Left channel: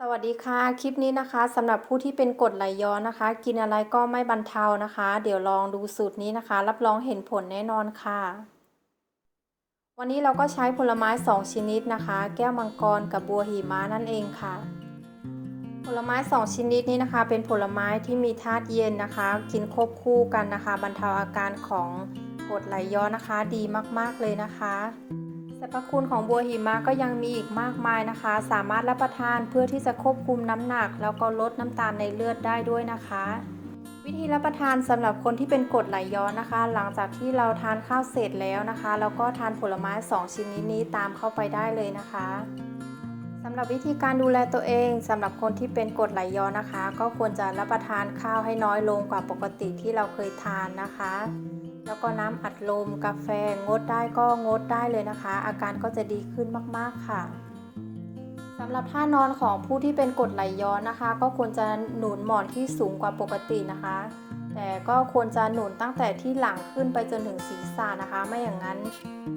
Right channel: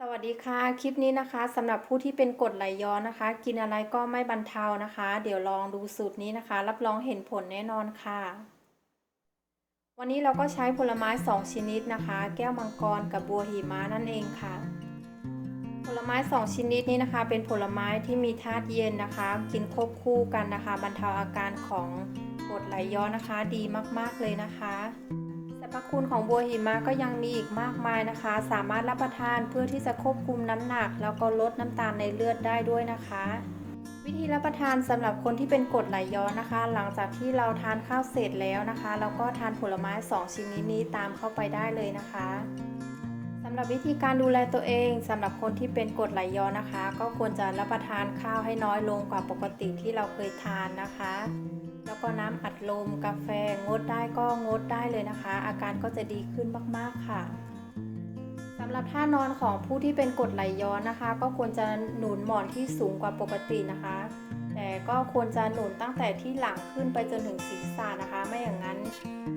สวัสดีค่ะ คลิปนี้นะคะสำหรับผู้ที่เป็นกรดไหลย้อนนะคะ กินอะไรก็ไม่บรรเทานะคะ เดี๋ยวลองดูสูตรนี้นะคะ รับรองเห็นผลแน่นอนค่ะ วันนี้เราก็ใช้ผลไม้ 2 ชนิดนะคะ แก้วมังกรกับบัวหิมะนั่นเองค่ะ ผลไม้ 2 ชนิดนี้นะคะ เป็นผลไม้ที่มีธาตุเย็นนะคะ กินควบคู่กันนะคะ บรรเทาอาการของกรดไหลย้อนนะคะ ดีมากๆเลยนะคะ สรรพคุณของบัวหิมะก็ยังมีอีกมากมายนะคะ สามารถรับประทานเพื่อที่จะควบคุมน้ำหนัก แล้วก็ลดน้ำตาลในเลือดได้ด้วยนะคะ วิธีรับประทานสำหรับคนที่เป็นกรดไหลย้อนนะคะ หลังจากที่เราทานข้าวเสร็จแล้วนะคะ แล้วก็ทานผลไม้ 2 ชนิดนี้ตามเข้าไปได้เลยนะคะสำหรับวิธีการดูแลตัวเองสำหรับคนที่เป็นกรดไหลย้อนนะคะ ก็ควรจะรับประทานข้าวให้น้อยลงกว่าปกติที่เราเคยทานนะคะ แล้วก็น้ำอัดลมกาแฟงดได้ก็งดได้เลยนะคะ อาการก็จะดีขึ้นมากๆค่ะสำหรับท่านอนของผู้ที่เป็นกรดไหลย้อนนะคะ ก็ควรจะหนุนหมอนที่สูงกว่าปกตินะคะ แต่ก็ควรจะหนุนตั้งแต่ที่หลังขึ้นไปจนถึงศีรษะนะคะ ไม่อย่างนั้น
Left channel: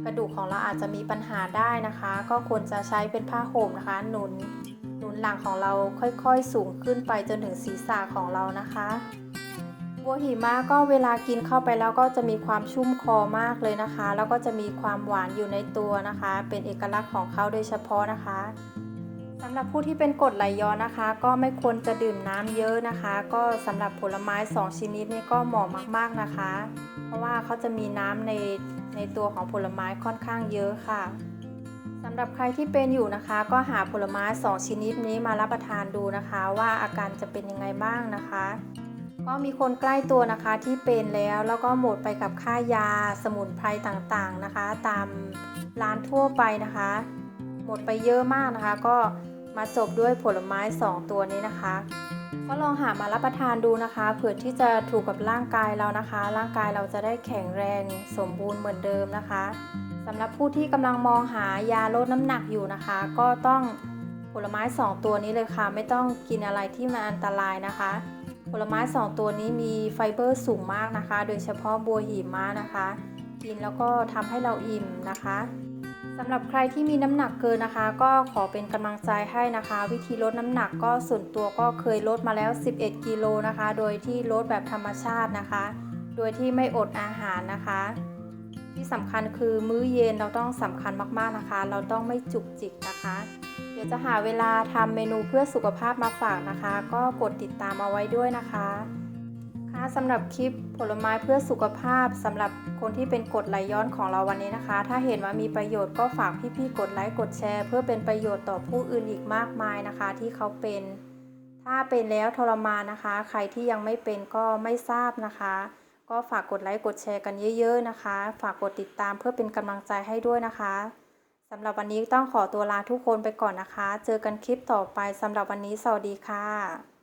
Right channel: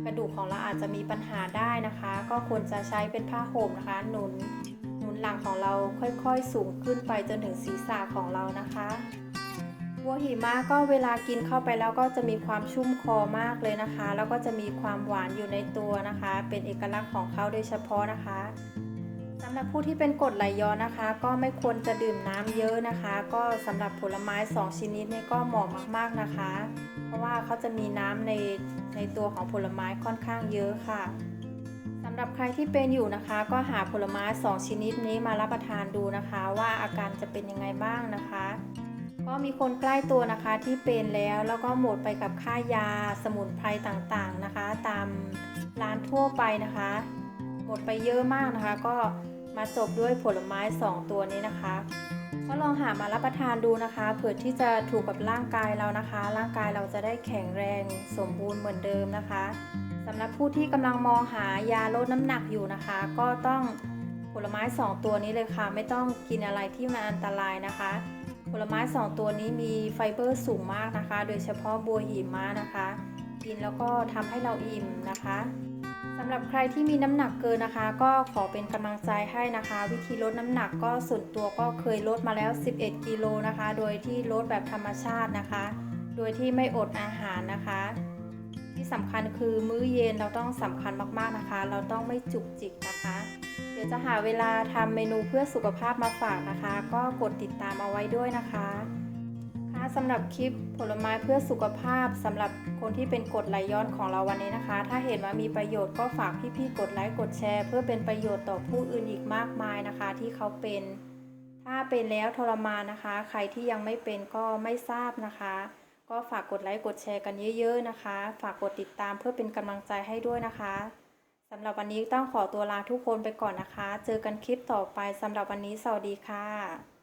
กระดูกของเราอาจจะมีปัญหาได้นะคะ ก็ควรจะใช้เป็นผ้าห่มนะคะ หนุนหนุนหลังของเราค่อยๆสูงขึ้นไปจนถึงศีรษะของเรานะคะ บัวหิมะก็เวลากินเข้าไปแล้วก็จะมีความชุ่มคอมากเลยนะคะ แล้วก็จะมีความหวานอยู่ในตัวนะคะ เป็นเอกลักษณ์ของเขาโดยเฉพาะนะคะสำหรับผู้ที่เป็นกรดไหลย้อนนะคะ ก็ไม่ควรจะดื่มน้ำเยอะนะคะ ก็สำหรับผลไม้ 2 ชนิดนี้ก็เหมาะมากๆนะคะ เพราะว่าเขาจะมีน้ำในในตัวของผลไม้ค่อนข้างเยอะค่ะสำหรับใครที่เป็นอยู่นะคะ ก็หาผลไม้ 2 ชนิดนี้มารับประทานดูนะคะ ว่าอาการจะเป็นยังไงบ้างนะคะ ก็มีคนใกล้ตัวนะคะที่เป็นแล้วแล้วก็หมดไปกับค่ายาสมุนไพรต่างๆนะคะ ตามร้านทั่วไปนะคะ หมดไปเยอะมากนะคะ ก็มาจบด้วยผลไม้ 2 ตัวนี้นะคะ ก็ลองหามารับประทานดูนะคะเผื่อที่จะถูกกับร่างกายเรานะคะ ร่างกายเราจะได้แข็งแรงสมบูรณ์เหมือนเดิมนะคะสำหรับผู้ที่กำลังมองหายาลดน้ำหนักอยู่นะคะ ก็ต้องผลไม้ 2 ตัวนี้เลยค่ะ ไม่ต้องกินอะไรที่มันอันตรายนะคะ ผลไม้ 2 ตัวนี้มีไฟเบอร์สูงมากนะคะ โดยเฉพาะบัวหิมะนะคะ กินแล้วก็ทำให้เราอิ่มนะคะสำหรับใครที่มีน้ำหนักเกินนะคะ ก็ขอเป็นกำลังใจให้นะคะ วิธีลดน้ำหนักก็ส่วนตัวก็เคยลดมาแล้ว 11 กิโลนะคะ โดยที่ลดแบบธรรมชาตินะคะ โดยที่ไม่อดอาหารนะคะ ที่สำคัญคือมื้อเย็นเราต้องสำคัญมากๆนะคะ เราต้องไม่จุกจิกนะคะ เดี๋ยวจะหาเวลาทำเมนูเพื่อสุขภาพมาฝากนะคะ ก็กดติดตามเอาไว้ด้วยนะคะค่ะสำหรับคลิปผลไม้เพื่อสุขภาพสำหรับคนที่เป็นกดไหลย้อนของเราวันนี้นะคะ ถ้าเห็นว่ามีประโยชน์ก็ฝากพี่ๆกดไลค์กดแชร์ เพื่อเป็นประโยชน์ต่อผู้อื่นอีกมากมายนะคะ ที่เขาเป็น ถ้าเป็นแล้วทรมานนะคะ ใครที่ยังไม่เป็นก็ไม่ทราบนะคะ ก็ฝากกดไลค์กดแชร์กันเยอะ ๆนะคะ ฝากกดติดตามเพื่อเป็นกำลังใจให้ด้วยนะคะ สำหรับวันนี้ต้องขอตัวลาทุกคนไปก่อนนะคะ เจอกันคลิปต่อไปสำหรับวันนี้สวัสดีค่ะ